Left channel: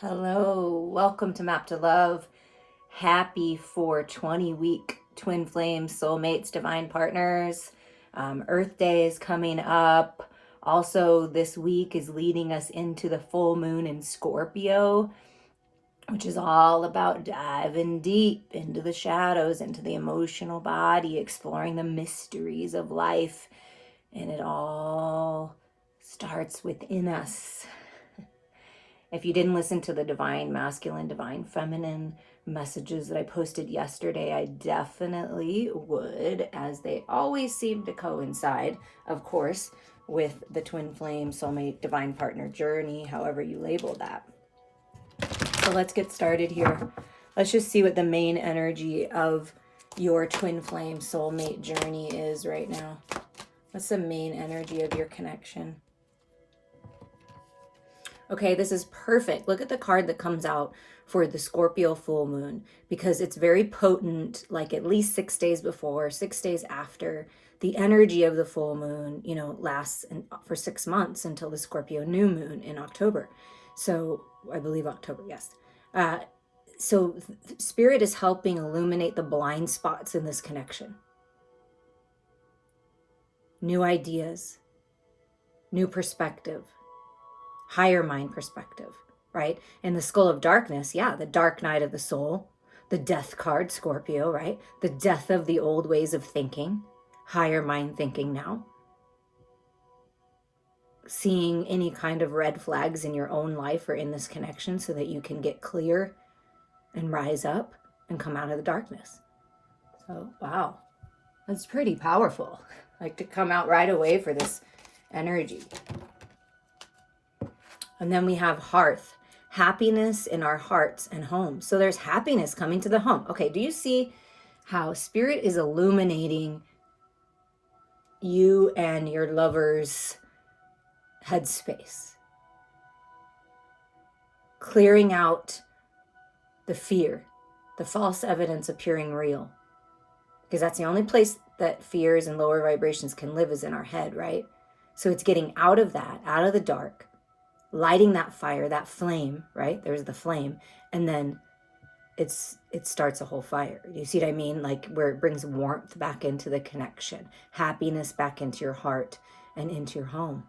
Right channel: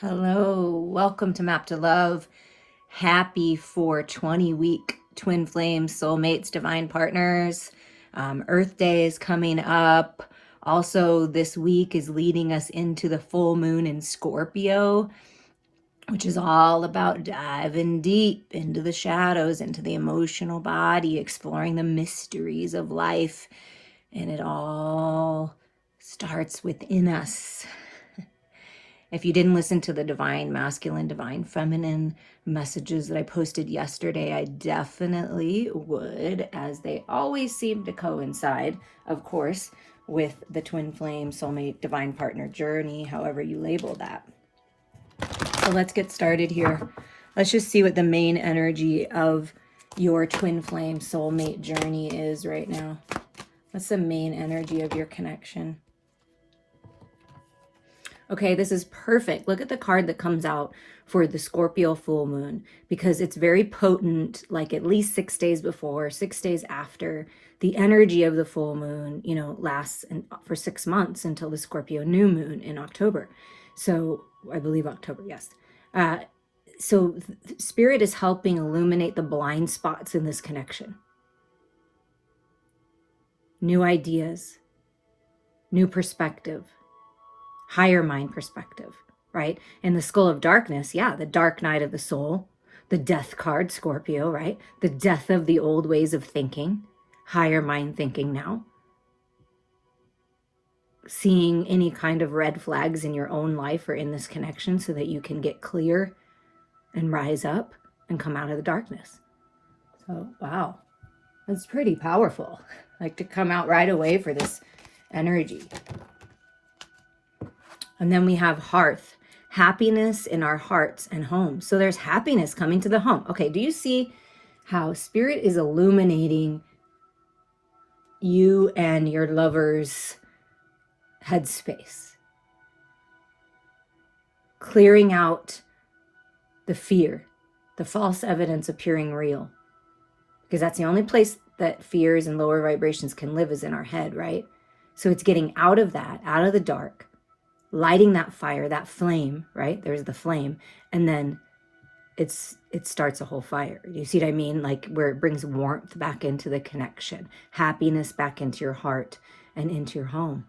Hello, welcome to Map to Love. Happy 420 week Twin Flame Soulmates Divine Partners. Earth Day is coming up. Also, this week is leading us into the full moon in Scorpio, which is all about diving deep into the shadows, into the emotional body, exploring the mysteries of life. And it all starts within us. If you didn't listen to the divine masculine, divine feminine messages that I posted yesterday, I definitely would, as they always seem to coincide, of course, with the twin flame soulmate divine partner journey, however you label that. So let's get started here. Let's just see what the main energy of your twin flame soulmate journey is right now. What's the main energy of your connection? Okay, this is perfect. Look at the card that comes out for the Scorpio full moon, because it's very potent, like at least 6 days before, 6 days after. The energy of the full moon, lasts for 6 months until the Scorpio new moon in October. So I believe October, yes. So Spirit is helping illuminate the blind spots in this connection. New ideas, new perspective, higher mind perspective, right? And the skull of darkness, yeah, the dark night of the soul, the death card, Scorpio, right? The death of the old ways of thinking, higher mind thinking now. Seeing any kind of red flags in your own life or in this connection so that you can get clear and rise up and come out of the darkness. So, wow, that's pretty powerful. Like to come out right away for this energy. And then we have hearth, happiness in our hearts and home. So there's happiness coming to the home. Okay, do you see how Spirit is illuminating you and your lover's headspace? Clearing out the fear, the false evidence appearing real. Because that's the only place that fears and lower vibrations can live is in our head, right? So it's getting out of that, out of the dark, lighting that fire, that flame, right? There's the flame. And then it starts a whole fire. You see what I mean? Like where it brings warmth back into the connection, happiness back into your heart and into your home.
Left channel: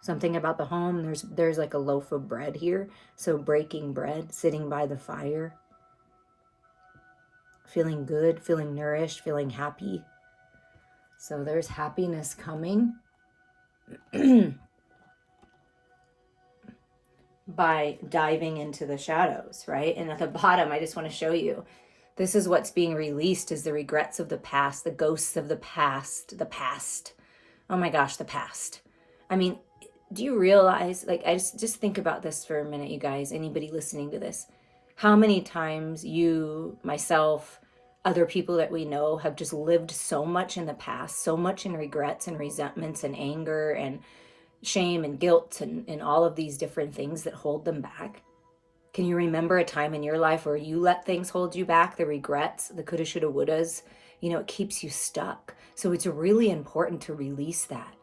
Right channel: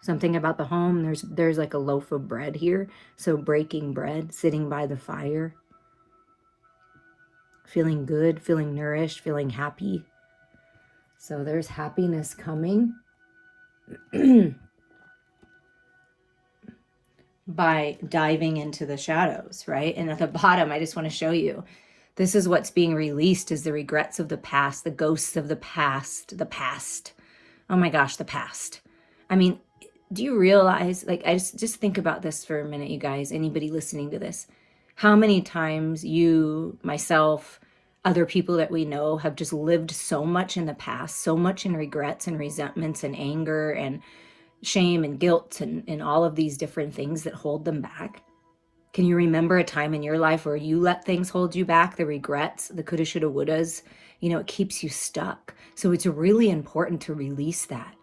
Something about the home, there's like a loaf of bread here. So breaking bread, sitting by the fire, feeling good, feeling nourished, feeling happy. So there's happiness coming. By diving into the shadows, right? And at the bottom, I just want to show you, this is what's being released is the regrets of the past, the ghosts of the past. Oh my gosh, the past. I mean, do you realize, like, I just think about this for a minute, you guys, anybody listening to this, how many times you, myself, other people that we know have just lived so much in the past, so much in regrets and resentments and anger and shame and guilt and all of these different things that hold them back. Can you remember a time in your life where you let things hold you back, the regrets, the coulda, shoulda, wouldas? It keeps you stuck. So it's really important to release that.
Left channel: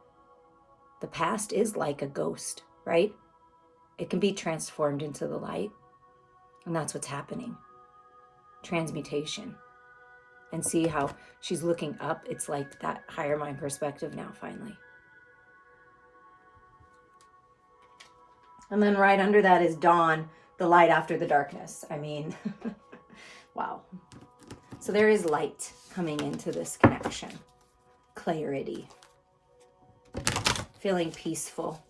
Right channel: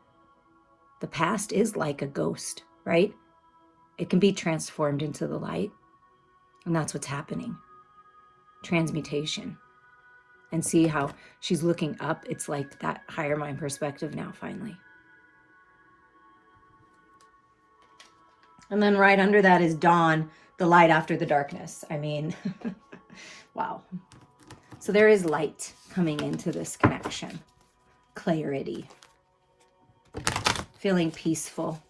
The past is like a ghost, right? It can be transformed into the light. And that's what's happening. Transmutation. And see how she's looking up. It's like that higher mind perspective now, finally. And then right under that is dawn, the light after the darkness. I mean, wow. So there is light coming into this connection. Clarity. Feeling peaceful.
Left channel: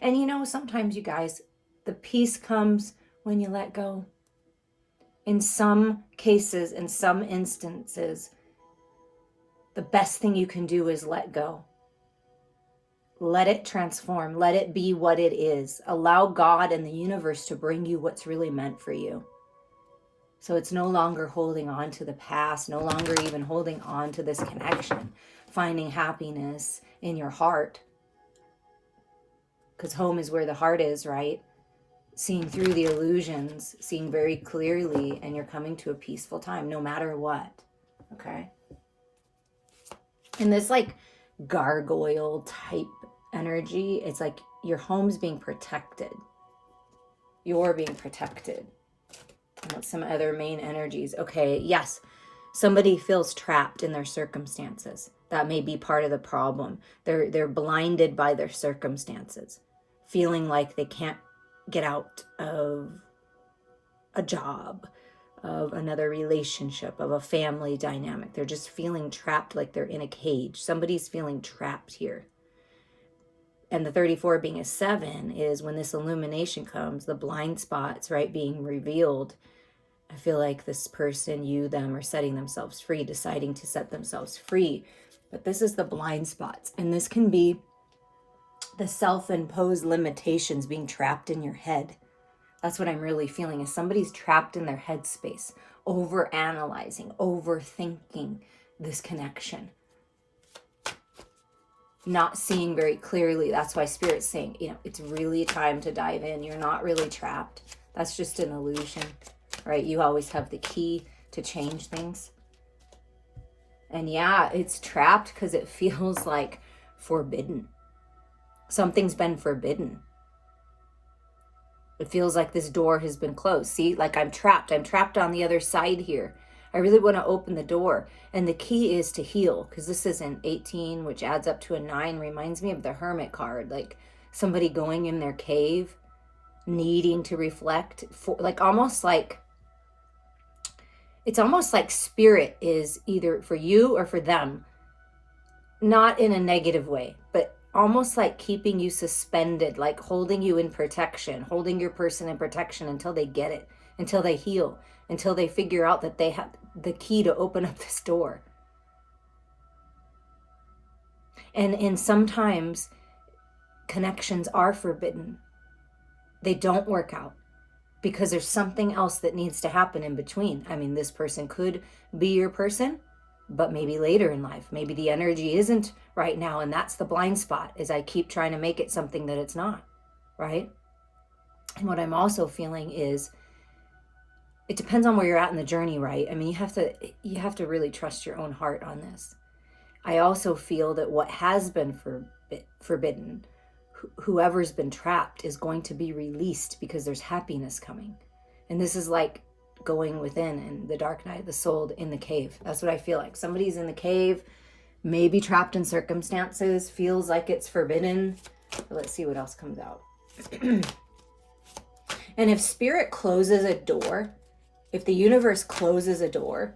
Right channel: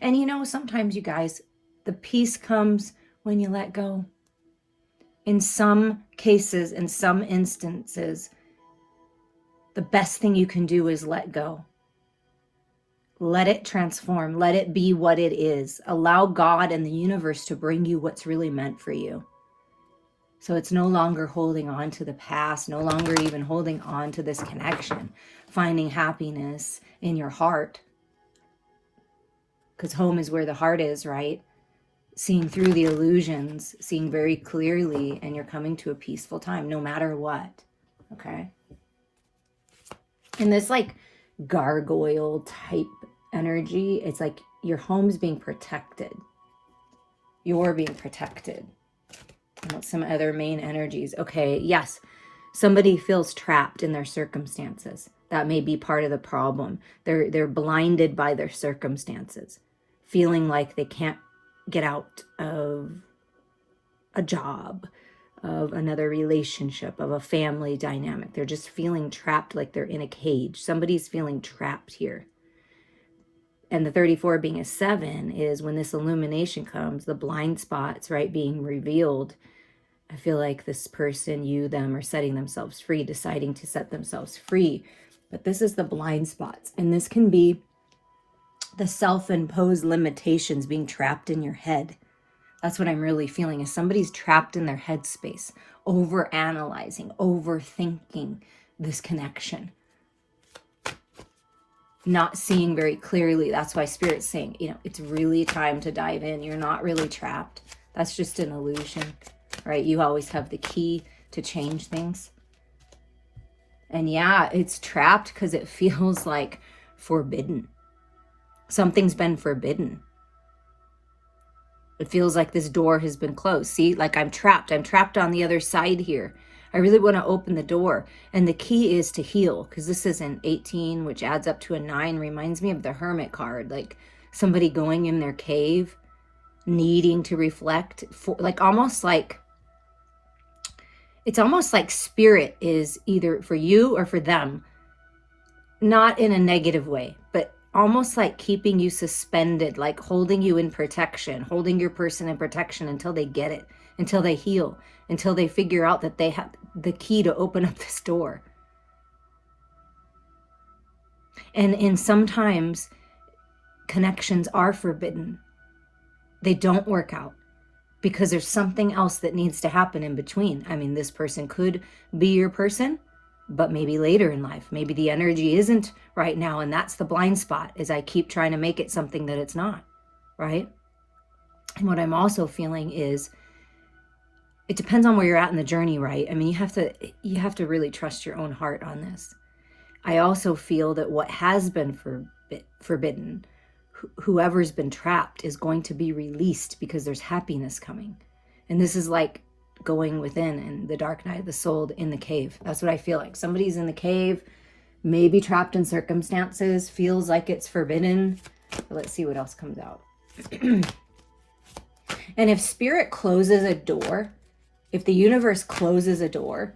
And sometimes you guys, the peace comes when you let go. In some cases, in some instances, the best thing you can do is let go. Let it transform. Let it be what it is. Allow God and the universe to bring you what's really meant for you. So it's no longer holding on to the past, no longer even holding on to this connection, finding happiness in your heart. Because home is where the heart is, right? Seeing through the illusions, seeing very clearly, and you're coming to a peaceful time, no matter what. Okay? And this like gargoyle type energy, it's like your home's being protected. You're being protected. What's some other main energies? Okay, yes. Somebody feels trapped in their circumstances. That may be part of the problem. They're blinded by their circumstances, feeling like they can't get out of a job, of another relationship, of a family dynamic. They're just feeling trapped, like they're in a cage. Somebody's feeling trapped here. And the 34 being a 7 is when this illumination comes, the blind spots, right, being revealed. I feel like this person, you, them, are setting themselves free, deciding to set themselves free. But this is the blind spots. And this can be the self-imposed limitations being trapped in your head. That's what I'm really feeling, is somebody's trapped in their headspace, over-analyzing, overthinking this connection, not seeing very clearly. That's why Spirit's saying, it's really time to dive in. You're not really trapped. That's just an illusion. Right? You always have the key to change things. And yeah, it's trapped because it feels like forbidden. Something's been forbidden. It feels like this door has been closed. See, like I'm trapped. I'm trapped on the other side here. I really want to open the door. And the key is to heal, because this is an 18, which adds up to a 9. Reminds me of the Hermit card, like somebody going in their cave, needing to reflect, it's almost like Spirit is either for you or for them, not in a negative way, but almost like keeping you suspended, like holding you in protection, holding your person in protection until they get it, until they heal, until they figure out that they have the key to open up this door. And sometimes connections are forbidden. They don't work out because there's something else that needs to happen in between. I mean, this person could be your person, but maybe later in life, maybe the energy isn't right now. And that's the blind spot, is I keep trying to make it something that it's not, right? And what I'm also feeling is, it depends on where you're at in the journey, right? I mean, you have to really trust your own heart on this. I also feel that what has been forbidden, whoever's been trapped, is going to be released because there's happiness coming. And this is like going within in the dark night of the soul in the cave. That's what I feel like. Somebody's in the cave, maybe trapped in circumstances, feels like it's forbidden. But let's see what else comes out. And if Spirit closes a door, if the universe closes a door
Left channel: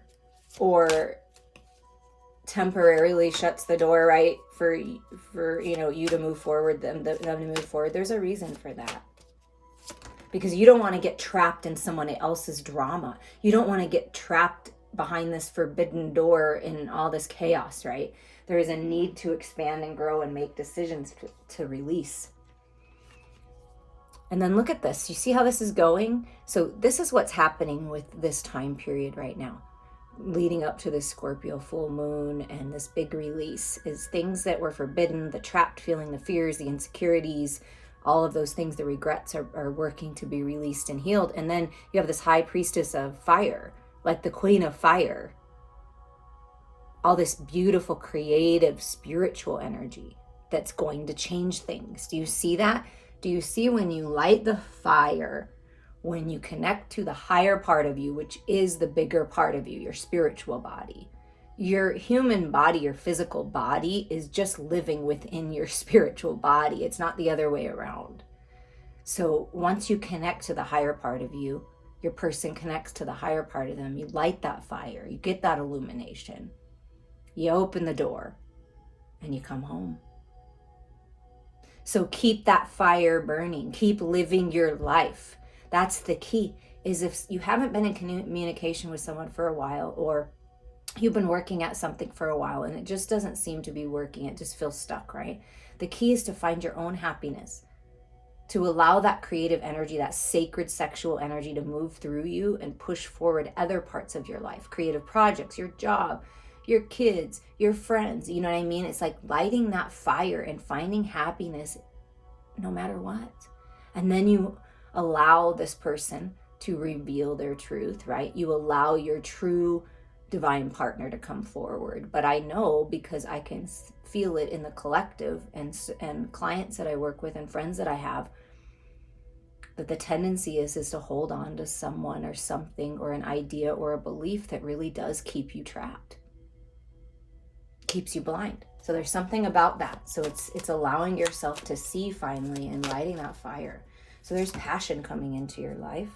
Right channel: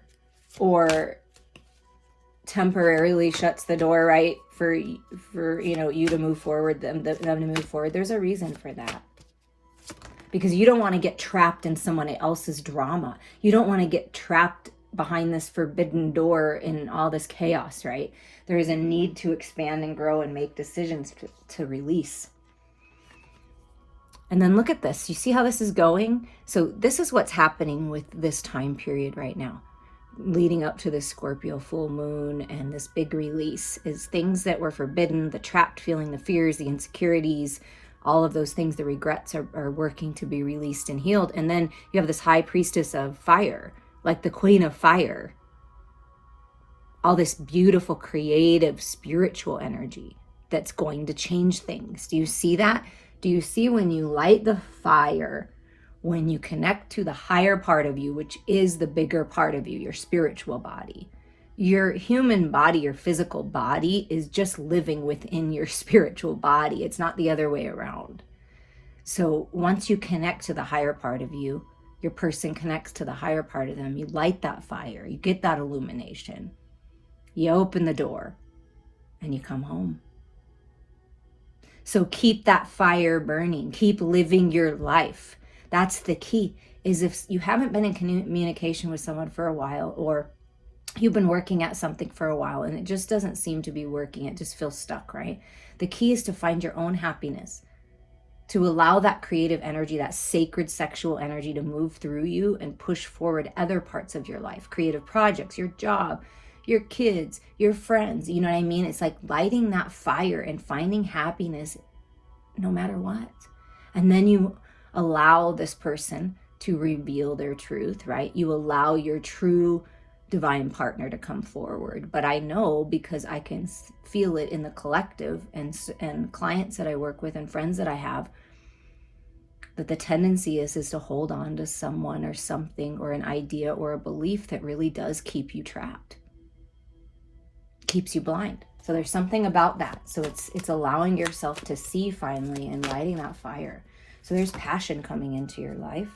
or temporarily shuts the door, right, for you to move forward, them to move forward, there's a reason for that. Because you don't want to get trapped in someone else's drama. You don't want to get trapped behind this forbidden door in all this chaos, right? There is a need to expand and grow and make decisions to release. And then look at this. You see how this is going? So this is what's happening with this time period right now, leading up to this Scorpio full moon and this big release, is things that were forbidden, the trapped feeling, the fears, the insecurities, all of those things, the regrets are working to be released and healed. And then you have this high priestess of fire, like the queen of fire. All this beautiful, creative, spiritual energy that's going to change things. Do you see that? Do you see when you light the fire, when you connect to the higher part of you, which is the bigger part of you, your spiritual body? Your human body, your physical body, is just living within your spiritual body. It's not the other way around. So once you connect to the higher part of you, your person connects to the higher part of them, you light that fire, you get that illumination, you open the door, and you come home. So keep that fire burning, keep living your life. That's the key, is if you haven't been in communication with someone for a while, or you've been working at something for a while and it just doesn't seem to be working, it just feels stuck, right? The key is to find your own happiness, to allow that creative energy, that sacred sexual energy, to move through you and push forward other parts of your life, creative projects, your job, your kids, your friends. You know what I mean? It's like lighting that fire and finding happiness no matter what. And then you allow this person to reveal their truth, right? You allow your true divine partner to come forward. But I know, because I can feel it in the collective and clients that I work with and friends that I have, that the tendency is to hold on to someone or something or an idea or a belief that really does keep you trapped, keeps you blind. So there's something about that. So it's allowing yourself to see finally and lighting that fire. So there's passion coming into your life.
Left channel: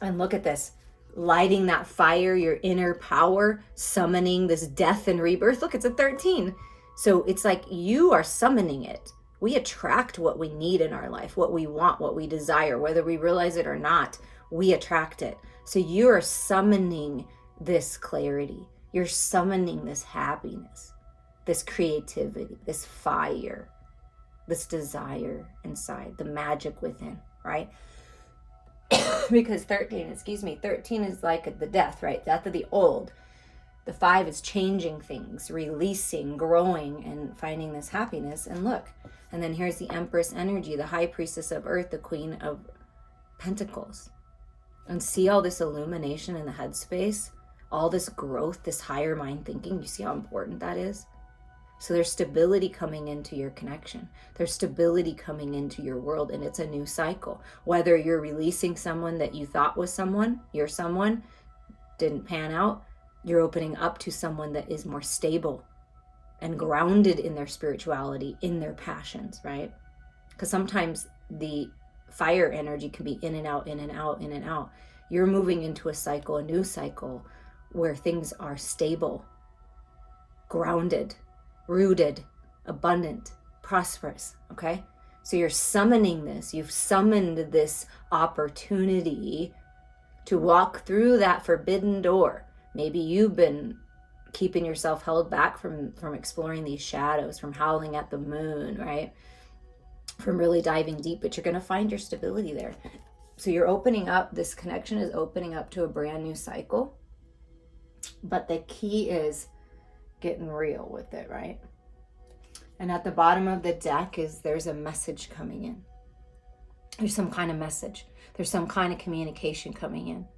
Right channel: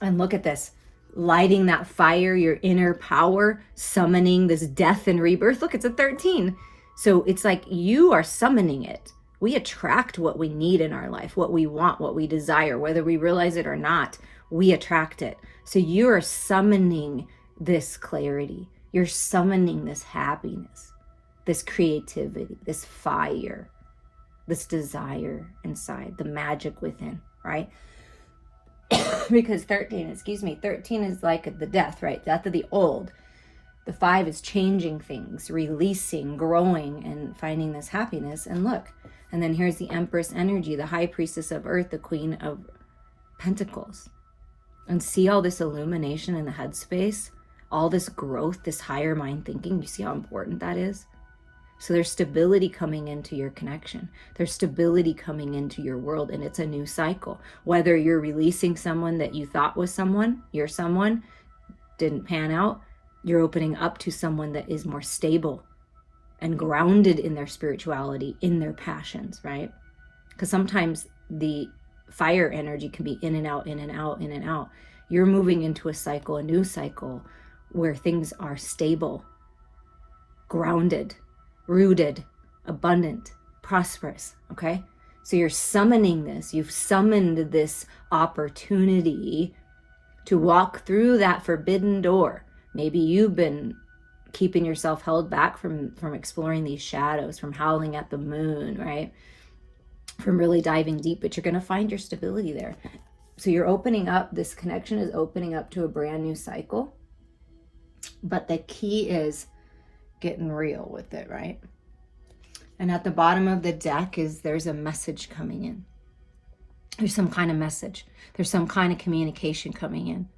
And look at this, lighting that fire, your inner power, summoning this death and rebirth. Look, it's a 13. So it's like you are summoning it. We attract what we need in our life, what we want, what we desire, whether we realize it or not, we attract it. So you are summoning this clarity. You're summoning this happiness, this creativity, this fire, this desire inside, the magic within, right? Because 13 is like the death, right? Death of the old. The 5 is changing things, releasing, growing, and finding this happiness. And look, and then here's the Empress energy, the High Priestess of Earth, the Queen of Pentacles. And see all this illumination in the headspace, all this growth, this higher mind thinking. You see how important that is? So there's stability coming into your connection. There's stability coming into your world, and it's a new cycle. Whether you're releasing someone that you thought was someone, you're someone, didn't pan out, you're opening up to someone that is more stable and grounded in their spirituality, in their passions, right? Because sometimes the fire energy can be in and out, in and out, in and out. You're moving into a cycle, a new cycle, where things are stable, grounded, rooted, abundant, prosperous, okay? So you're summoning this. You've summoned this opportunity to walk through that forbidden door. Maybe you've been keeping yourself held back from exploring these shadows, from howling at the moon, right? From really diving deep, but you're going to find your stability there. So you're opening up, this connection is opening up to a brand new cycle. But the key is getting real with it, right? And at the bottom of the deck there's a message coming in. There's some kind of message. There's some kind of communication coming in.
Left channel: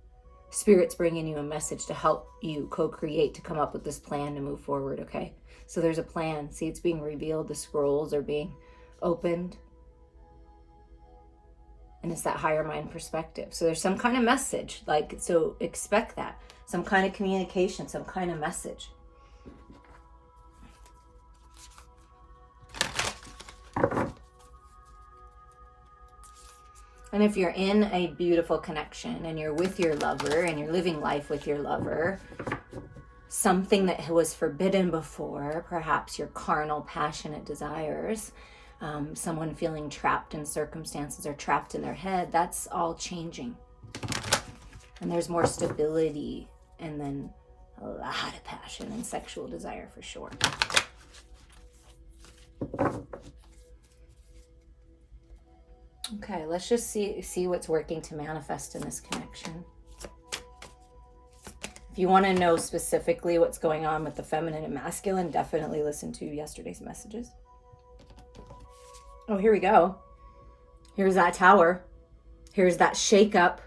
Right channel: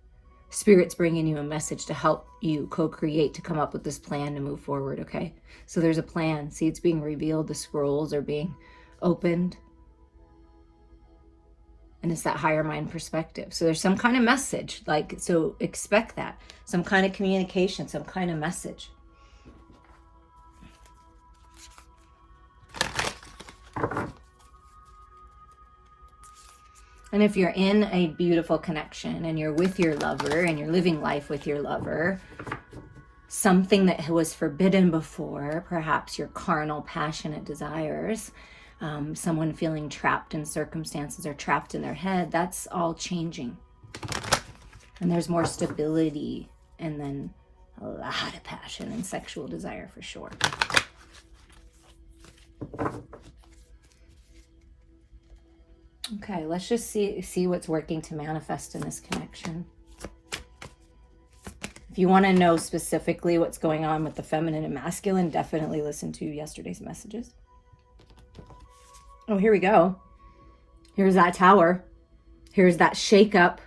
Spirit's bringing you a message to help you co-create, to come up with this plan to move forward, okay? So there's a plan. See, it's being revealed. The scrolls are being opened. And it's that higher mind perspective. So there's some kind of message, so expect that. Some kind of communication, some kind of message. And if you're in a beautiful connection and you're with your lover and you're living life with your lover, something that was forbidden before, perhaps your carnal, passionate desires, someone feeling trapped in circumstances or trapped in their head, that's all changing. And there's more stability, and then a lot of passion and sexual desire for sure. Okay, let's just see what's working to manifest in this connection. If you want to know specifically what's going on with the feminine and masculine, definitely listen to yesterday's messages. Oh, here we go. Here's that tower. Here's that shake-up.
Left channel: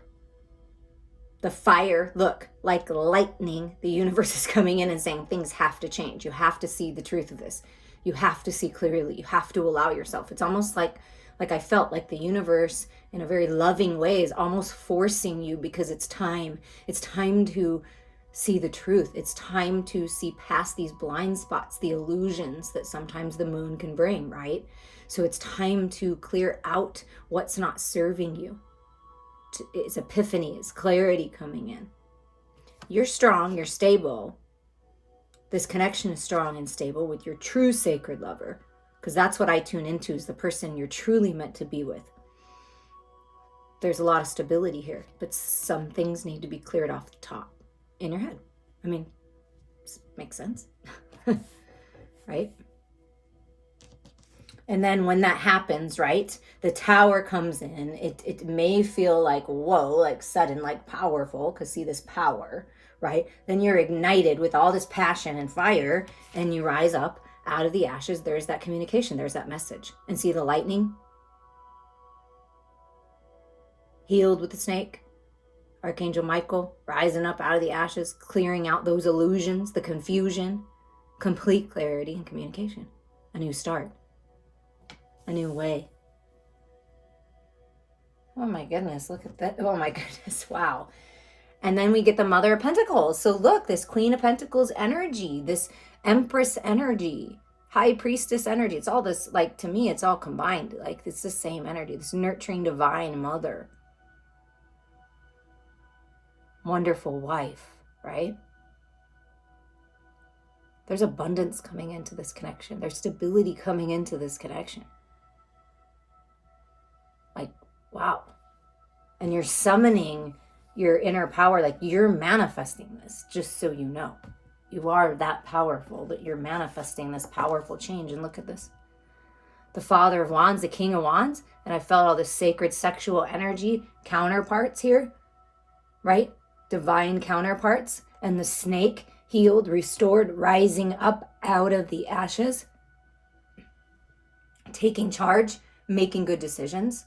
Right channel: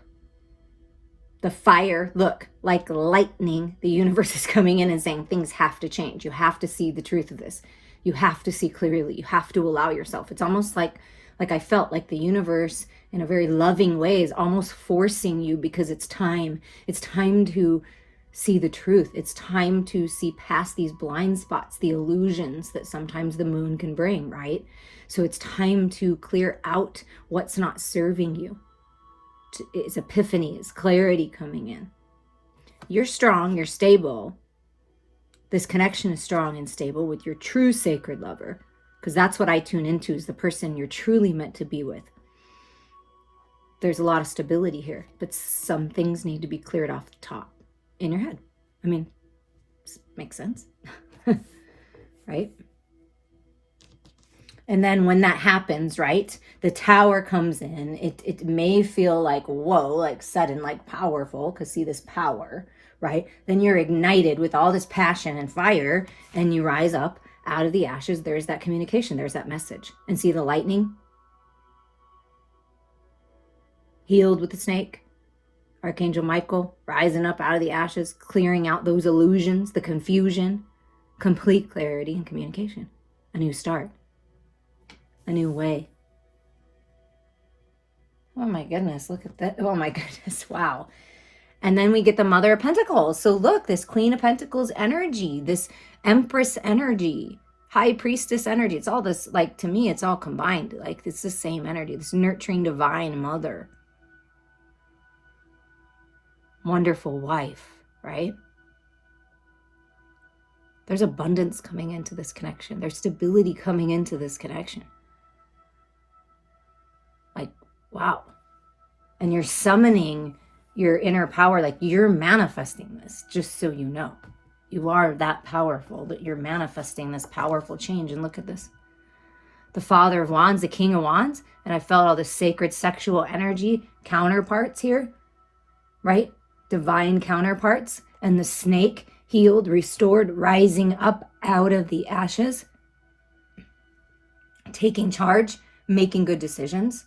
The fire, look, like lightning, the universe is coming in and saying things have to change. You have to see the truth of this. You have to see clearly. You have to allow yourself. It's almost like I felt like the universe in a very loving way is almost forcing you, because it's time. It's time to see the truth. It's time to see past these blind spots, the illusions that sometimes the moon can bring, right? So it's time to clear out what's not serving you. It's epiphany, it's clarity coming in. You're strong, you're stable. This connection is strong and stable with your true sacred lover, because that's what I tune into, is the person you're truly meant to be with. There's a lot of stability here, but some things need to be cleared off the top in your head. I mean, makes sense, right? And then when that happens, right, the tower comes in. It may feel like, whoa, like sudden, like powerful, because see this power, right? Then you're ignited with all this passion and fire, and you rise up out of the ashes. There's that communication, there's that message. And see the lightning? Healed with the snake. Archangel Michael rising up out of the ashes, clearing out those illusions, the confusion, complete clarity and communication. A new start. A new way. Oh my goodness, look at that. Oh my goodness, wow. And then we get the Mother of Pentacles. So look, this Queen of Pentacles energy, this Empress energy, High Priestess energy. It's all this, like, to me, it's all combined. Like, it's the same energy, this nurturing divine mother. Wonderful wife, right? There's abundance coming into this connection. There's stability coming into this connection. Like, wow. And you're summoning your inner power, like you're manifesting this, just so you know. You are that powerful that you're manifesting this powerful change. And look at this. The Father of Wands, the King of Wands, and I felt all this sacred sexual energy counterparts here, right? Divine counterparts. And the snake, healed, restored, rising up out of the ashes, taking charge, making good decisions.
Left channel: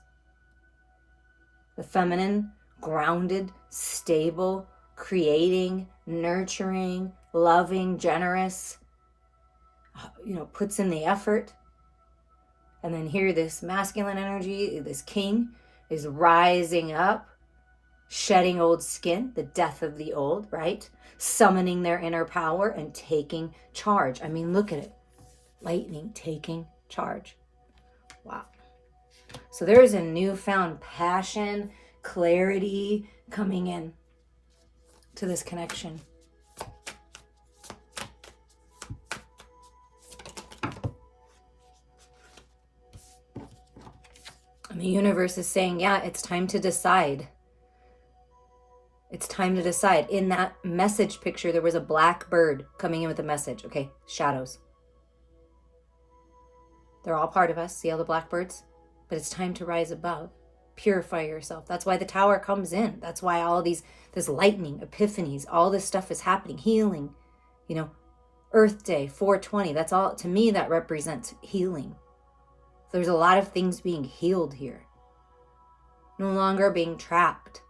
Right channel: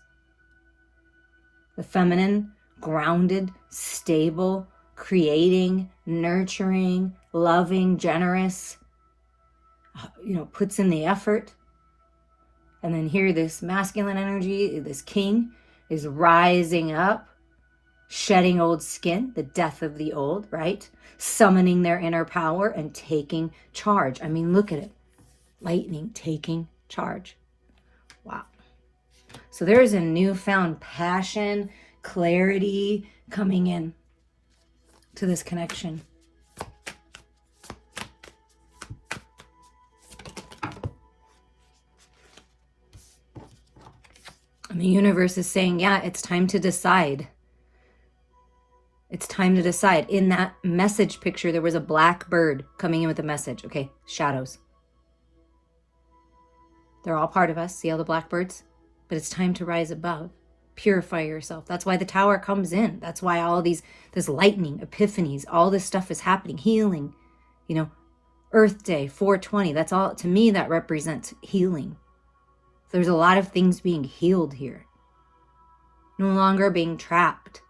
The feminine, grounded, stable, creating, nurturing, loving, generous, puts in the effort. And then here, this masculine energy, this king, is rising up, shedding old skin, the death of the old, right? Summoning their inner power and taking charge. I mean, look at it. Lightning taking charge. Wow. So there is a newfound passion, clarity coming in to this connection. And the universe is saying, yeah, it's time to decide. It's time to decide. In that message picture, there was a black bird coming in with a message. Okay, shadows. They're all part of us. See all the blackbirds? But it's time to rise above. Purify yourself. That's why the tower comes in. That's why all this lightning, epiphanies, all this stuff is happening. Healing, Earth Day, 420. That's all, to me, that represents healing. There's a lot of things being healed here. No longer being trapped.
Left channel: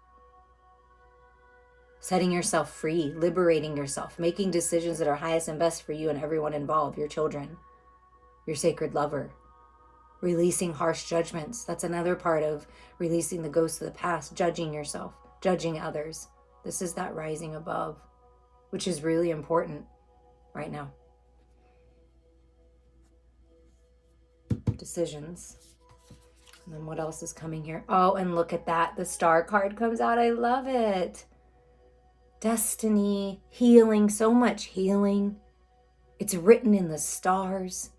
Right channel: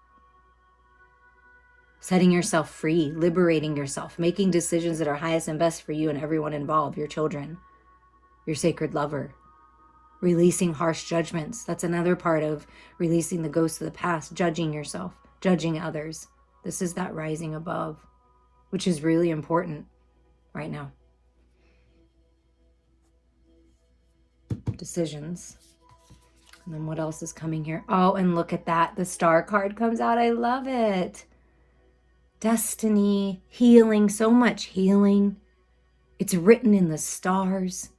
Setting yourself free, liberating yourself, making decisions that are highest and best for you and everyone involved, your children, your sacred lover. Releasing harsh judgments. That's another part of releasing the ghosts of the past, judging yourself, judging others. This is that rising above, which is really important right now. Decisions. And then what else is coming here? Oh, and look at that. The star card comes out. I love it. Destiny, healing, so much healing. It's written in the stars.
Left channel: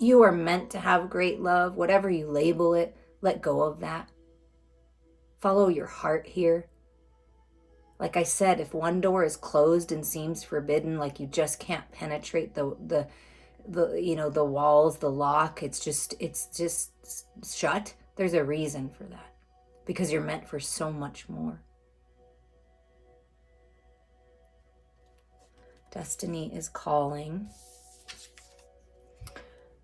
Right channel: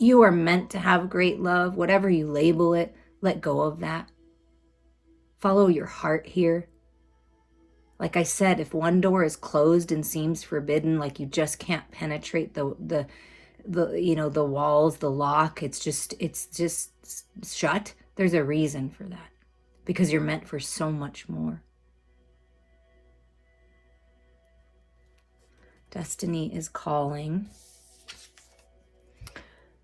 You are meant to have great love, whatever you label it. Let go of that. Follow your heart here. Like I said, if one door is closed and seems forbidden, like you just can't penetrate the walls, the lock, it's just shut. There's a reason for that, because you're meant for so much more. Destiny is calling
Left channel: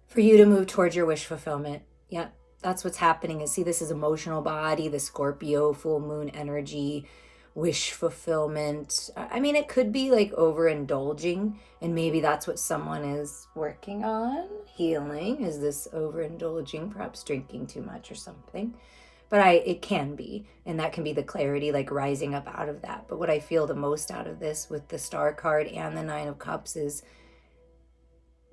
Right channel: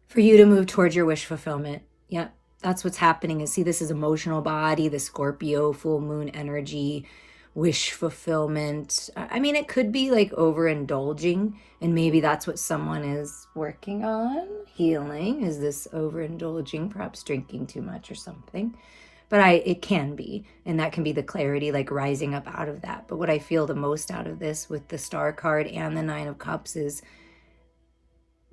for you to move towards your wish fulfillment. Yeah, that's what's happening. And see, this is emotional body, the Scorpio, full moon energy, wish fulfillment. I mean, it could be like overindulging, and maybe that's what someone is working on, healing, is this overindulging, perhaps drinking too much or something. But it can be, and that can be the clarity, like rising up out of that. But what I feel the most out of this with the Star card and the Nine of Cups is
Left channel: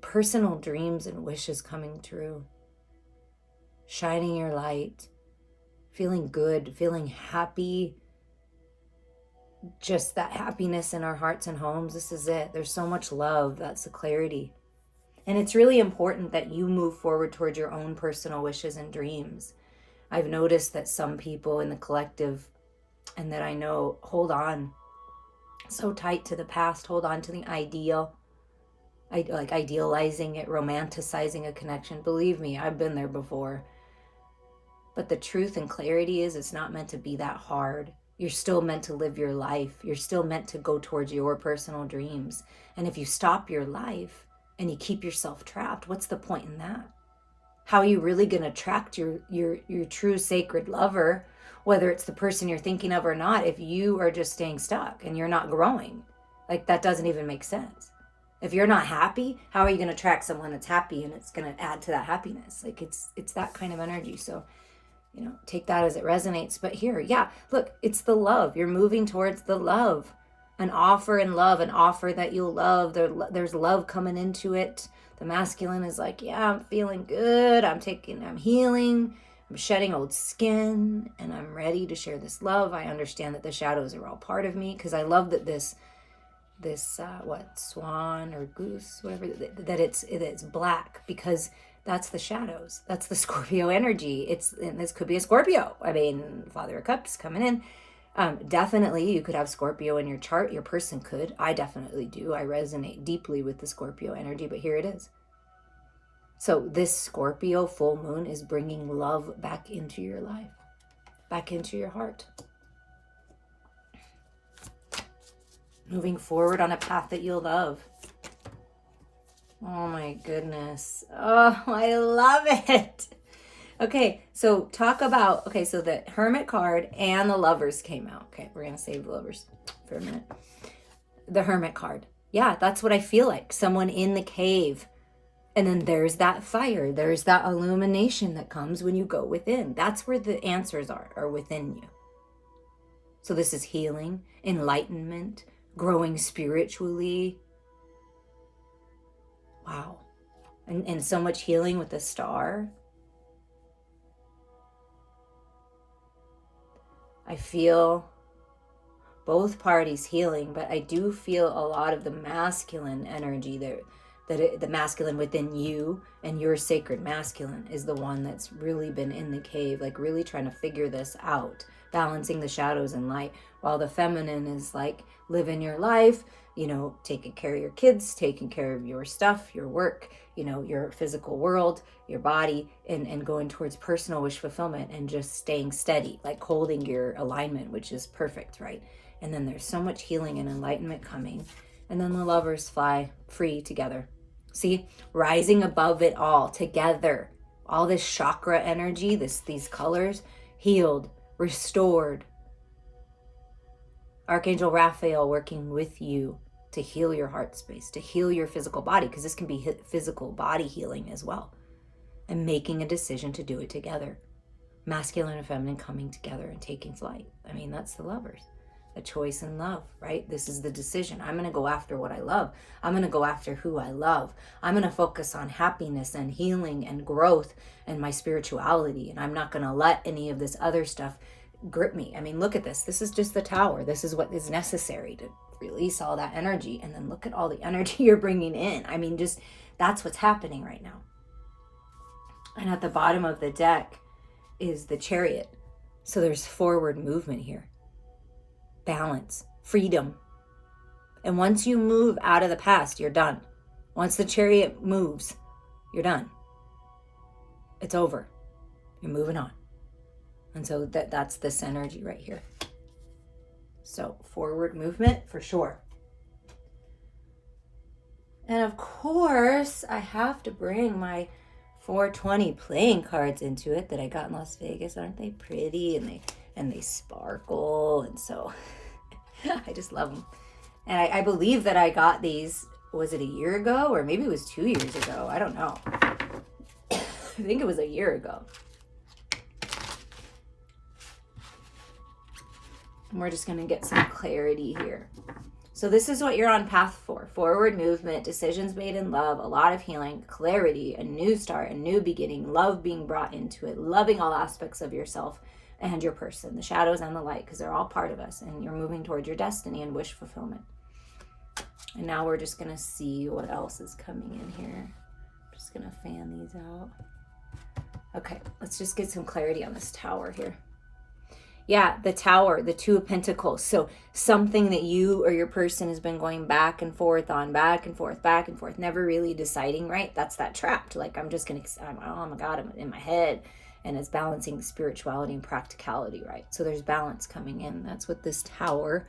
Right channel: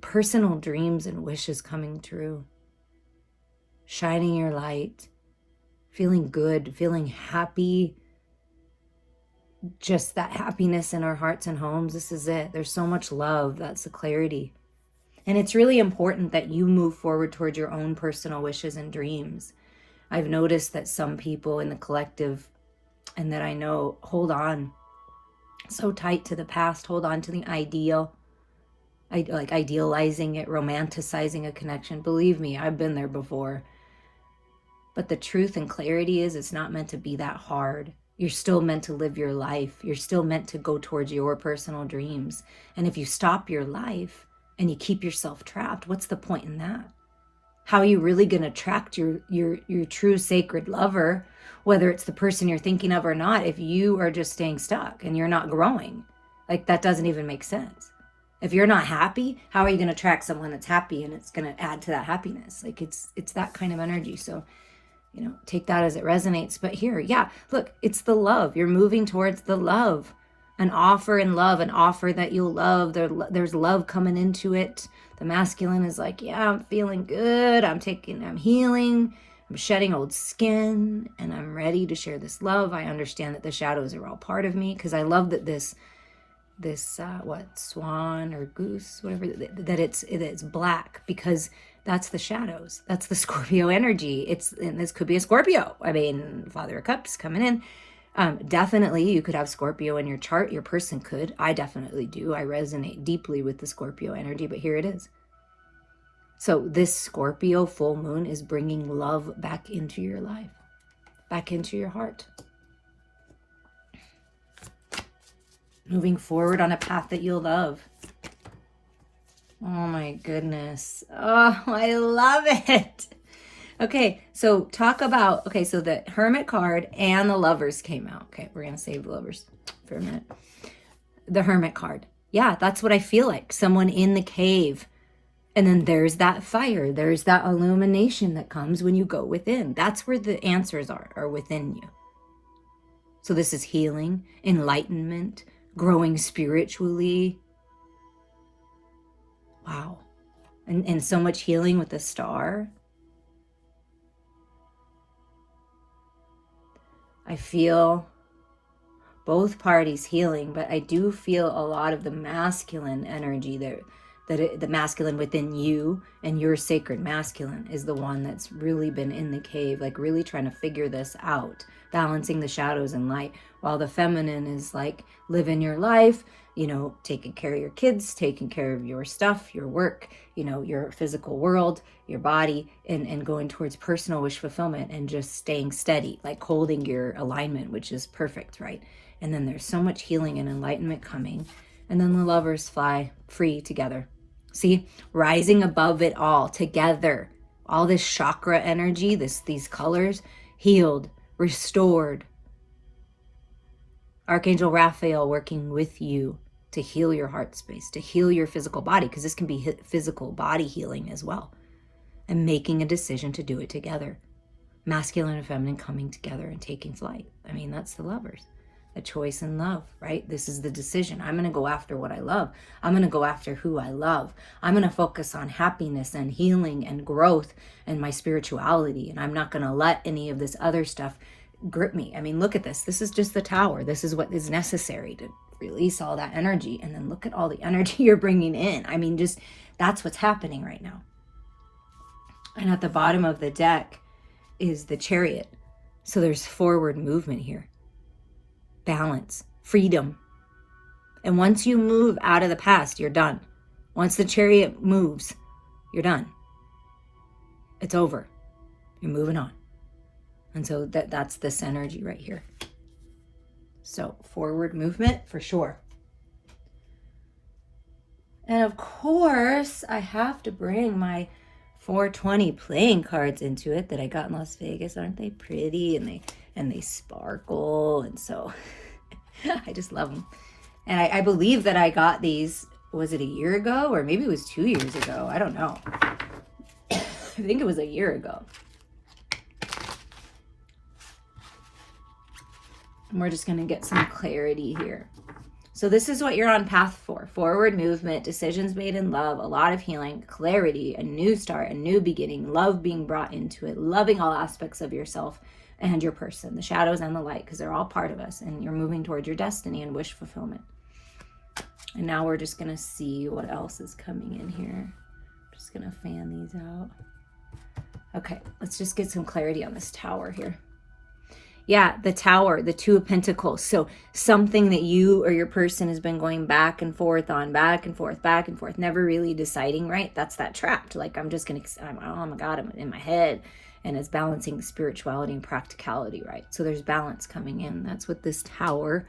personal dreams and wishes coming true. Shining your light, feeling good, feeling happy. Just that happiness in our hearts and homes. This is it. There's so much love. That's the clarity. And it's really important that you move forward towards your own personal wishes and dreams. I've noticed that some people in the collective, and that I know, hold on so tight to the past, hold on to the ideal, like idealizing it, romanticizing a connection. Believe me, I've been there before. But the truth and clarity is, it's not meant to be that hard. You're still meant to live your life. You're still meant to go towards your personal dreams. And if you stop your life and you keep yourself trapped, what's the point in that? How are you really going to attract your true sacred lover, whether it's the person you're thinking of or not, if you are just staying stuck and you're not growing? Like, that doesn't even make sense. If you're not happy, how are you going to attract someone that's happy and it's going to add to that happiness? Like, it's that kind of energy. So take that as it resonates. But here, yeah, look, it's the love. You're moving towards the love. An offer in love, an offer that you'll love. There's love coming into it. The masculine is like, yeah, I'm feeling good. I'm healing. I'm shedding old skin, and I'm ready to share this love. I understand that the shadows are all part of me, because I love that this swan or goose, whatever, that it's black, because that's the shadows. That's the Scorpio energy. And this could be a Scorpio. I mean, Father of Cups coming in. Definitely you could have Scorpio in your chart. Your person could. I definitely do. I resonate deeply with the Scorpio energy, but here it is. So this Scorpio full moon is bringing love back into your life, back into your heart. Moving forward on a path that you'll love. Oh my goodness. Oh, I love it. Okay, so talk about, so the Hermit card and the Lovers came out. Okay, we're going to save the Lovers for a minute. The Hermit card. Yeah, that's what I feel like. Someone in the cave. And then there's that fire. There's that illumination that comes when you go within. That's where the answers are within you. So this is healing, enlightenment, growing spiritually. Wow. And so much healing with the star. I feel both parties healing, but I do feel a lot of the masculine energy there, the masculine within you and your sacred masculine is the one that's really been in the cave, like really trying to figure this out, balancing the shadows and light, while the feminine is like living your life, taking care of your kids, taking care of your stuff, your work, your physical world, your body, and going towards personal wish fulfillment and just staying steady, like holding your alignment, which is perfect, right? And then there's so much healing and enlightenment coming. And then the Lovers fly free together. See, rising above it all together. All this chakra energy, these colors, healed, restored. Archangel Raphael working with you to heal your heart space, to heal your physical body, because this can be physical body healing as well. And making a decision to do it together. Masculine and feminine coming together and taking flight. I mean, that's the Lovers. A choice in love, right? This is the decision. I'm going to go after what I love. I'm going to go after who I love. I'm going to focus on happiness and healing and growth and my spirituality. And I'm not going to let any of this other stuff grip me. I mean, look at this. This is just the Tower. This is what is necessary to release all that energy. And then look at all the energy you're bringing in. I mean, just that's what's happening right now. And at the bottom of the deck is the Chariot. So there's forward movement here. Balance, freedom. And once you move out of the past, you're done. Once the Chariot moves, you're done. It's over. You're moving on. And so that's this energy right here. So forward movement for sure. And of course, I have to bring my 420 playing cards into it that I got in Las Vegas. Aren't they pretty? And they sparkle, and so I just love them. And I believe that I got these, was it a year ago? Or maybe it was 2 years ago. I don't know. I think it was a year ago. And we're just going to get some clarity here. So this is what you're on path for. Forward movement, decisions made in love, a lot of healing, clarity, a new start, a new beginning, love being brought into it, loving all aspects of yourself and your person, the shadows and the light, because they're all part of us, and you're moving towards your destiny and wish fulfillment. And now we're just going to see what else is coming in here. Just going to fan these out. Okay, let's just get some clarity on this Tower here. Yeah, the Tower, the Two of Pentacles. So something that you or your person has been going back and forth on, back and forth, never really deciding, right? That's that trapped. Like, oh my God, I'm in my head. And it's balancing spirituality and practicality, right? So there's balance coming in. That's what this Tower